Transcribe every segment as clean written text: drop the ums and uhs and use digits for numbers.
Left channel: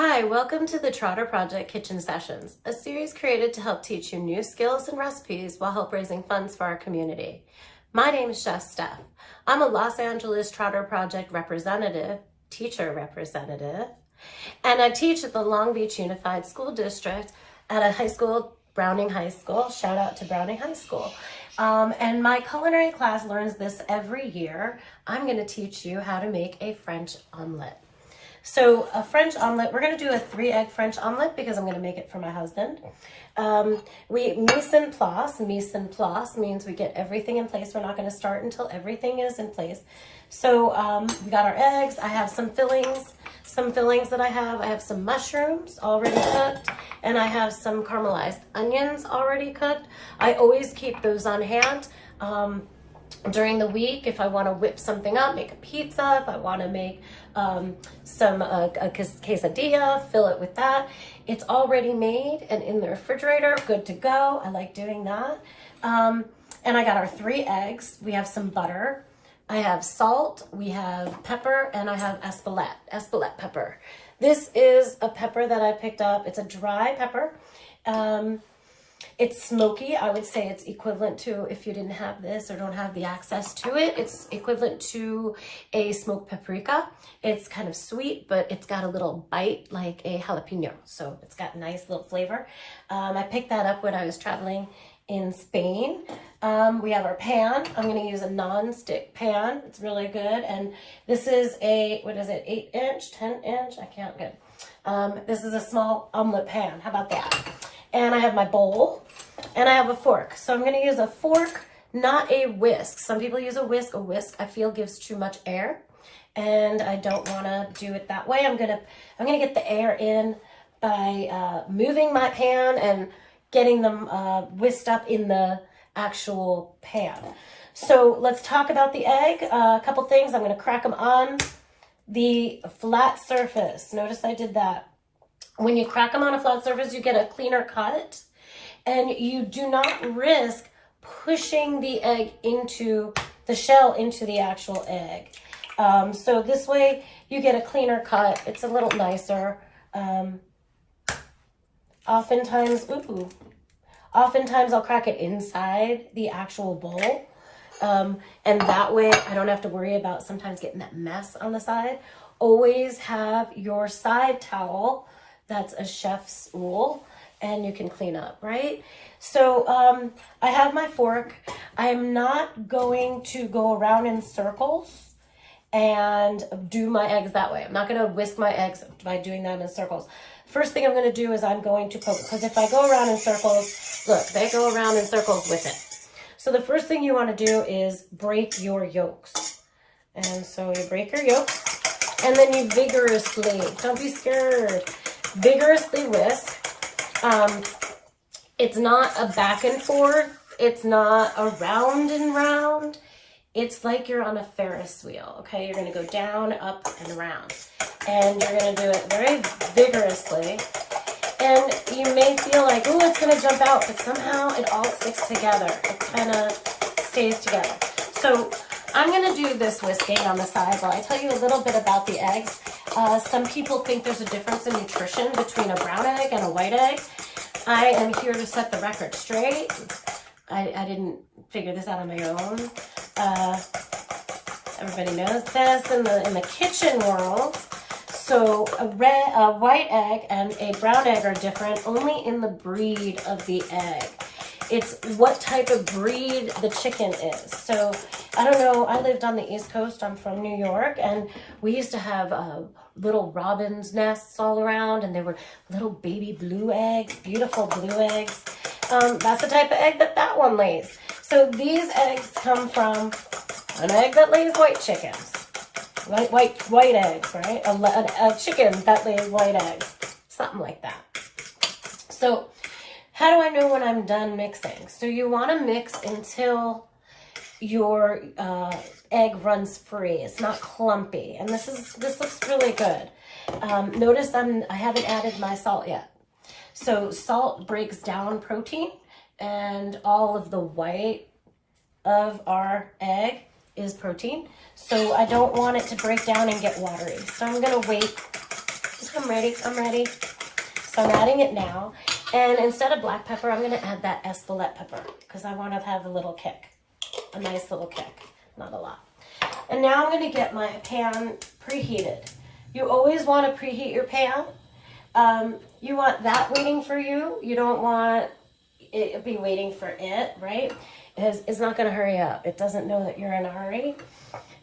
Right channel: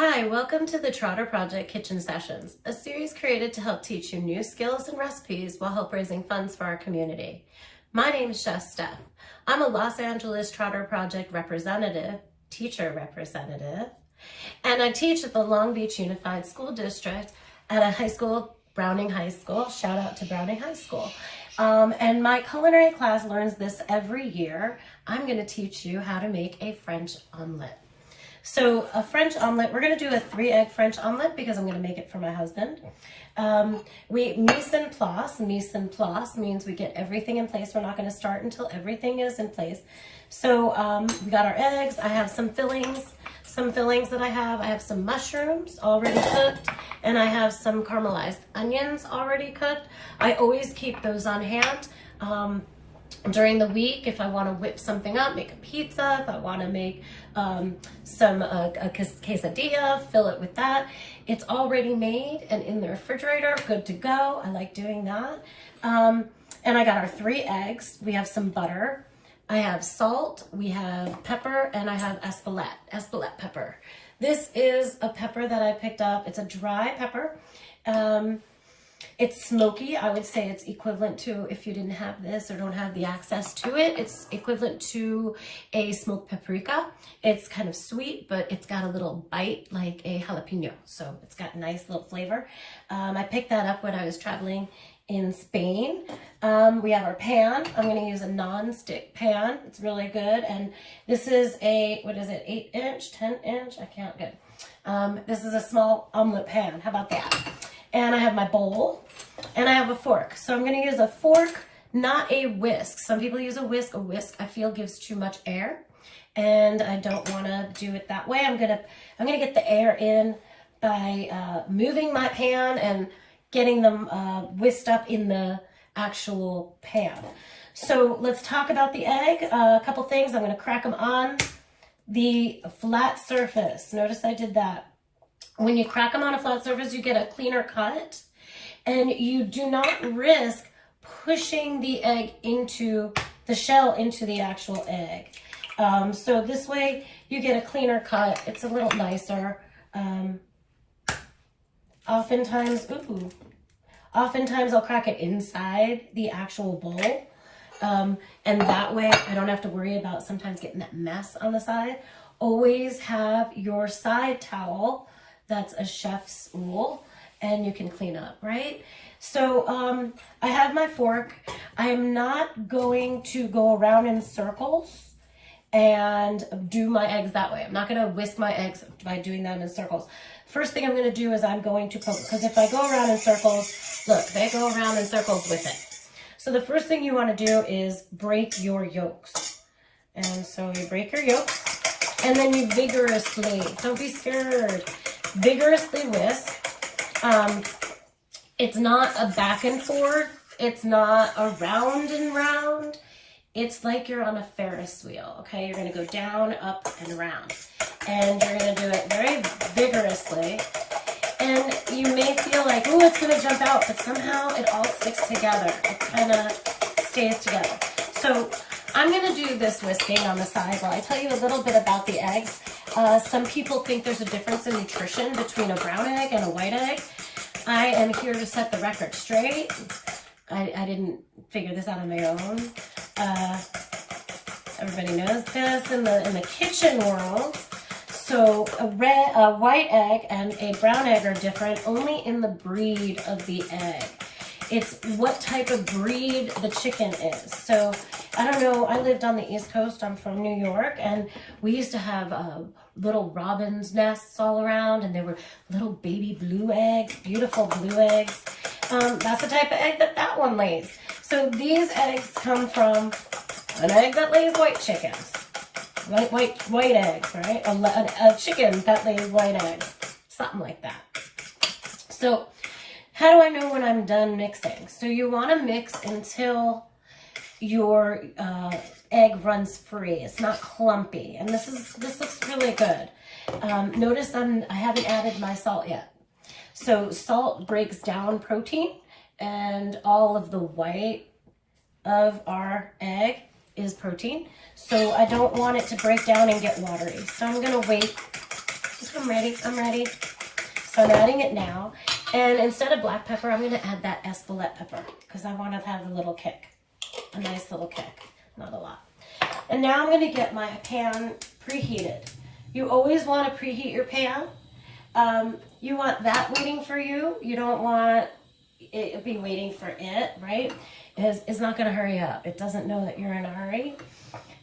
Hi, welcome to the Trotter Project Kitchen Sessions, a series created to help teach you new skills and recipes while help raising funds for our community. My name is Chef Stef. I'm a Los Angeles Trotter Project teacher representative, and I teach at the Long Beach Unified School District at a high school, Browning High School. Shout out to Browning High School. And my culinary class learns this every year. I'm going to teach you how to make a French omelet. So a French omelet, we're going to do a 3-egg French omelet because I'm going to make it for my husband. Mise en place means we get everything in place. We're not going to start until everything is in place. So we got our eggs. I have some fillings that I have some mushrooms already cooked, and I have some caramelized onions already cooked. I always keep those on hand. During the week, if I want to whip something up, make a pizza, if I want to make a quesadilla, fill it with that. It's already made and in the refrigerator, good to go. I like doing that. And I got our 3 eggs. We have some butter. I have salt, we have pepper, and I have espelette pepper. This is a pepper that I picked up. It's a dry pepper. It's smoky. I would say it's equivalent to, if you didn't have this or don't have the access to it, it's equivalent to a smoked paprika. It's kind of sweet, but it's got a little bite like a jalapeno. So it's got a nice little flavor. I picked that up when I was traveling in Spain. We have our pan. I'm going to use a non-stick pan. It's really good. And this is a, 8-inch, 10-inch? I can't good. This is a small omelet pan. How about that? And I have my bowl, and I have a fork. So I'm going to use a fork, not a whisk. Some people use a whisk. A whisk, I feel, gives too much air, and I don't want to do it that way. I'm gonna get the air in by moving my pan and getting them whisked up in the actual pan. So let's talk about the egg. A couple things. I'm going to crack them on the flat surface. Notice I did that. When you crack them on a flat surface, you get a cleaner cut, and you do not risk pushing the egg into the shell, into the actual egg. So this way you get a cleaner cut. It's a little nicer. Oftentimes I'll crack it inside the actual bowl. And that way I don't have to worry about sometimes getting that mess on the side. Always have your side towel. That's a chef's rule, and you can clean up, right? So I have my fork. I am not going to go around in circles and do my eggs that way. I'm not going to whisk my eggs by doing that in circles. First thing I'm going to do is I'm going to poke, because if I go around in circles, look, they go around in circles with it. So the first thing you want to do is break your yolks. And so you break your yolks, and then you vigorously, don't be scared, vigorously whisk. It's not a back and forth. It's not a round and round. It's like you're on a Ferris wheel, okay? You're going to go down, up, and around. And you're going to do it very vigorously. And you may feel like, oh, it's going to jump out, but somehow it all sticks together. It kind of stays together. So I'm going to do this whisking on the side while I tell you a little bit about the eggs. Some people think there's a difference in nutrition between a brown egg and a white egg. I am here to set the record straight. I didn't figure this out on my own. Everybody knows this in the kitchen world. So a white egg and a brown egg are different only in the breed of the egg. It's what type of breed the chicken is. So I don't know, I lived on the East Coast. I'm from New York, and we used to have little robin's nests all around, and they were little baby blue eggs, beautiful blue eggs. That's the type of egg that one lays. So these eggs come from an egg that lays white chickens. White eggs, right? A chicken that lays white eggs. Something like that. So how do I know when I'm done mixing? So you want to mix until your egg runs free. It's not clumpy. And this looks really good. Notice I haven't added my salt yet. So salt breaks down protein, and all of the white of our egg is protein. So I don't want it to break down and get watery. So I'm going to wait I'm ready. I'm ready. So I'm adding it now. And instead of black pepper, I'm going to add that Espelette pepper because I want to have a little kick. A nice little kick. Not a lot. And now I'm going to get my pan preheated. You always want to preheat your pan. You want that waiting for you. You don't want it be waiting for it, right? It's not going to hurry up. It doesn't know that you're in a hurry.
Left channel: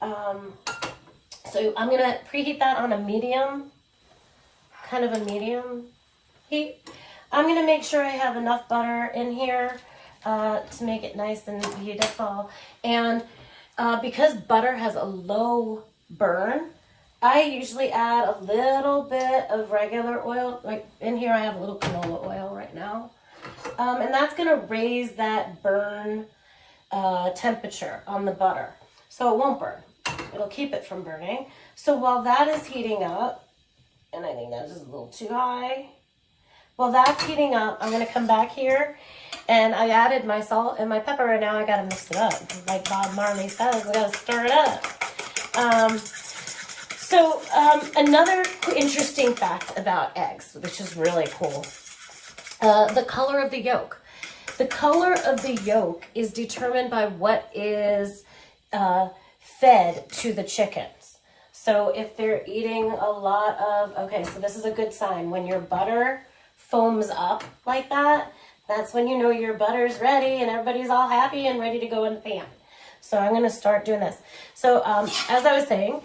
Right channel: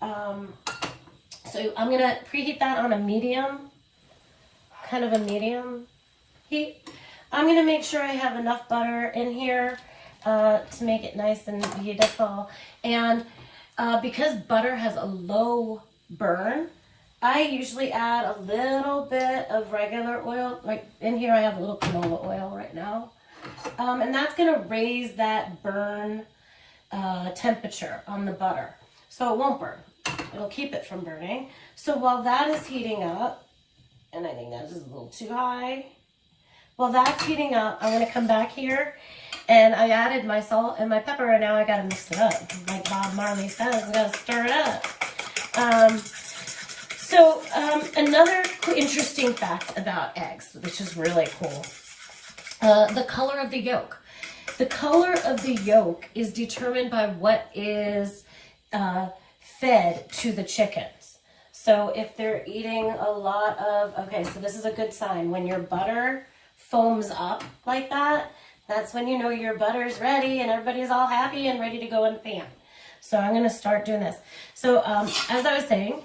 So I'm going to preheat that on a medium, kind of a medium heat. I'm going to make sure I have enough butter in here to make it nice and beautiful. And because butter has a low burn, I usually add a little bit of regular oil. Like in here I have a little canola oil right now. And that's going to raise that burn temperature on the butter. So it won't burn. It'll keep it from burning. So while that is heating up, and I think that's just a little too high. While that's heating up, I'm going to come back here, and I added my salt and my pepper, and now I got to mix it up. Like Bob Marley says, I got to stir it up. Another interesting fact about eggs, which is really cool, the color of the yolk. The color of the yolk is determined by what is fed to the chickens. So if they're eating a lot of, okay, so this is a good sign. When your butter foams up like that, that's when you know your butter's ready and everybody's all happy and ready to go in the pan. So I'm going to start doing this. So as I was saying,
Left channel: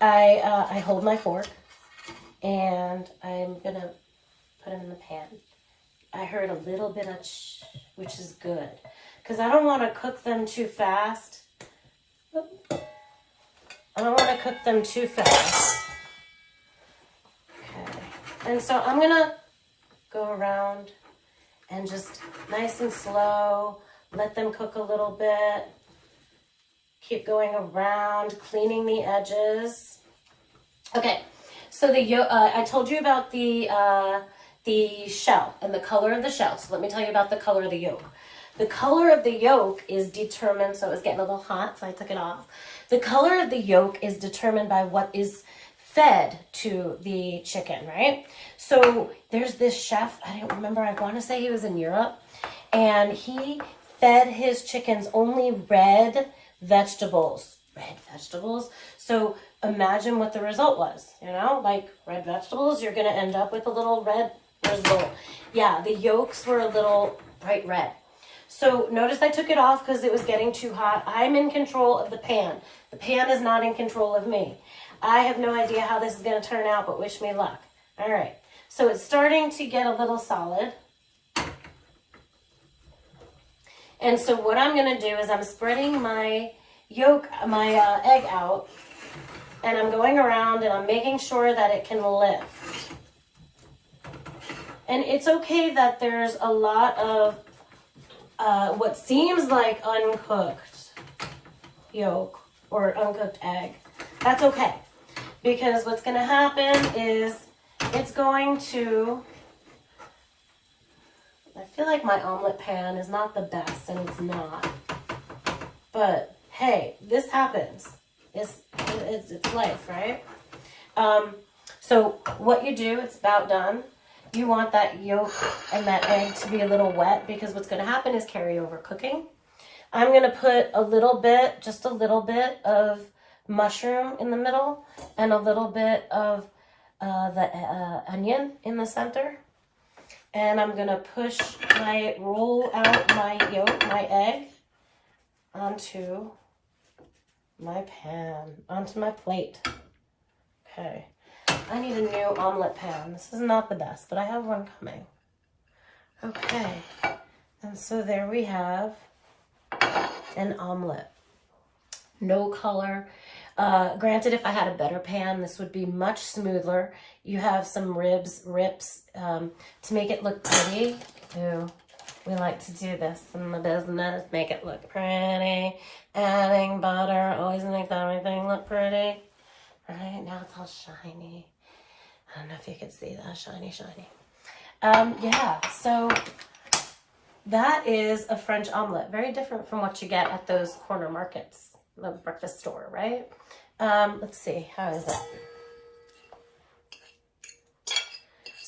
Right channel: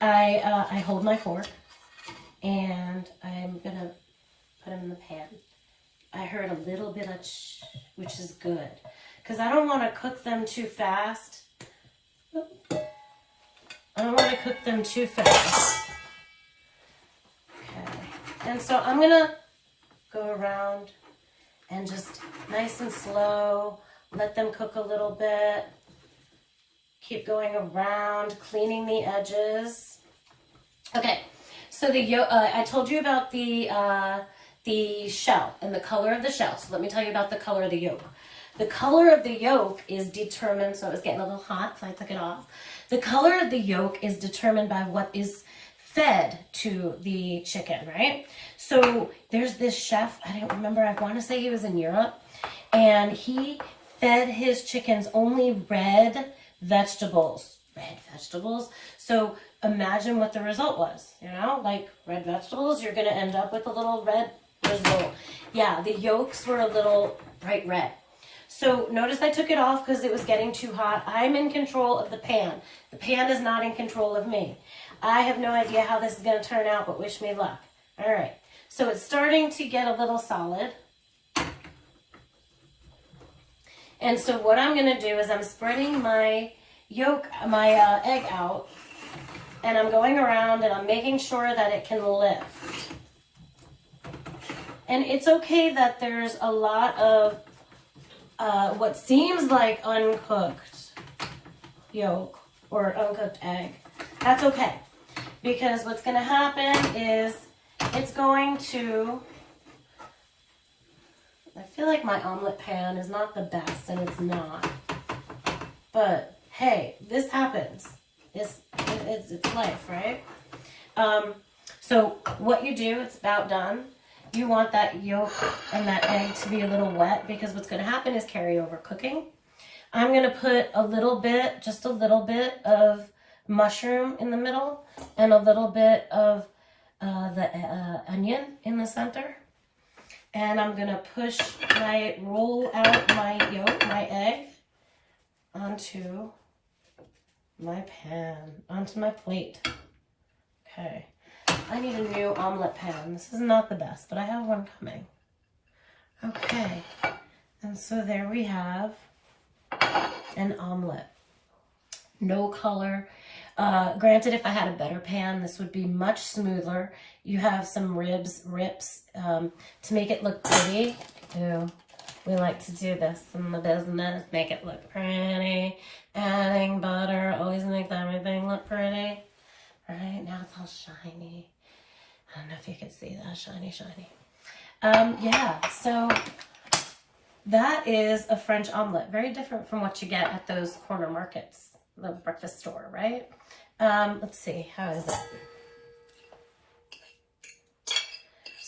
I hold my fork and I'm going to put them in the pan. I heard a little bit of which is good because I don't want to cook them too fast. I don't want to cook them too fast. Okay. And so I'm going to go around and just nice and slow, let them cook a little bit. Keep going around, cleaning the edges. Okay, so I told you about the shell and the color of the shell. So let me tell you about the color of the yolk. The color of the yolk is determined, so it was getting a little hot, so I took it off. The color of the yolk is determined by what is fed to the chicken, right? So there's this chef, I don't remember, I want to say he was in Europe, and he fed his chickens only red vegetables. Red vegetables? So imagine what the result was, you know, like red vegetables, you're going to end up with a little red result. Yeah, the yolks were a little bright red. So notice I took it off because it was getting too hot. I'm in control of the pan. The pan is not in control of me. I have no idea how this is going to turn out, but wish me luck. All right. So it's starting to get a little solid. And so what I'm going to do is I'm spreading my egg out, and I'm going around and I'm making sure that it can lift. And it's okay that there's a lot of what seems like uncooked yolk or uncooked egg. That's okay, because what's going to happen is it's going to, I feel like my omelet pan is not the best, and it's not, but hey, this happens. It's life, right? So what you do, it's about done. You want that yolk and that egg to be a little wet, because what's going to happen is carry over cooking. I'm going to put a little bit, just a little bit of mushroom in the middle and a little bit of the onion in the center. And I'm going to roll out my yolk, my egg, onto my pan, onto my plate. Okay. I need a new omelet pan. This is not the best, but I have one coming. Okay. And so there we have an omelet. No color. Granted, if I had a better pan, this would be much smoother. You have some rips to make it look pretty. Ooh, we like to do this in the business, make it look pretty. Adding butter always makes everything look pretty. Right, now it's all shiny. I don't know if you could see that, shiny. Yeah, so that is a French omelet. Very different from what you get at those corner markets, the breakfast store, right? Let's see, how is it?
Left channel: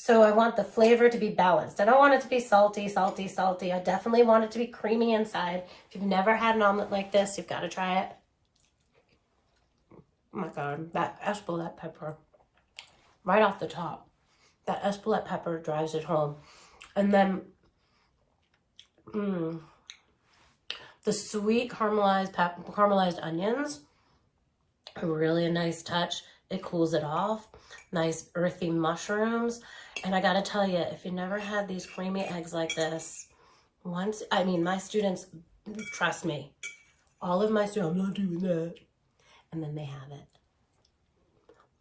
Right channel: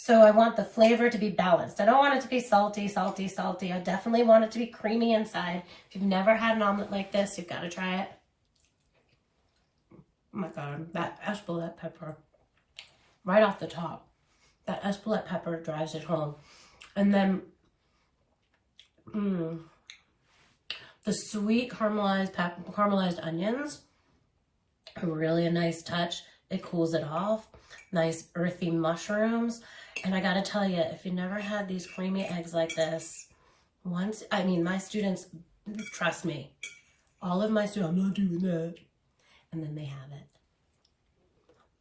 So I want the flavor to be balanced. I don't want it to be salty, salty, salty. I definitely want it to be creamy inside. If you've never had an omelet like this, you've got to try it. Oh my God, that Espelette pepper, right off the top. That Espelette pepper drives it home. And then, the sweet caramelized onions are really a nice touch. It cools it off. Nice earthy mushrooms. And I gotta tell you, if you never had these creamy eggs like this, my students, trust me, all of my students, I'm not doing that. And then they have it.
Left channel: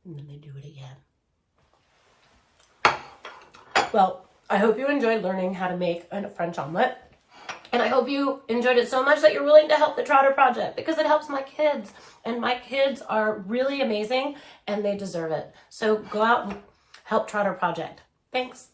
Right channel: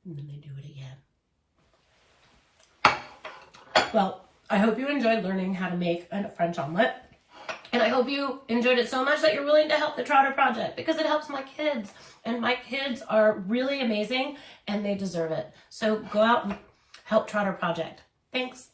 And then they do it again. Well, I hope you enjoyed learning how to make a French omelet. And I hope you enjoyed it so much that you're willing to help the Trotter Project, because it helps my kids. And my kids are really amazing and they deserve it. So go out and help Trotter Project. Thanks.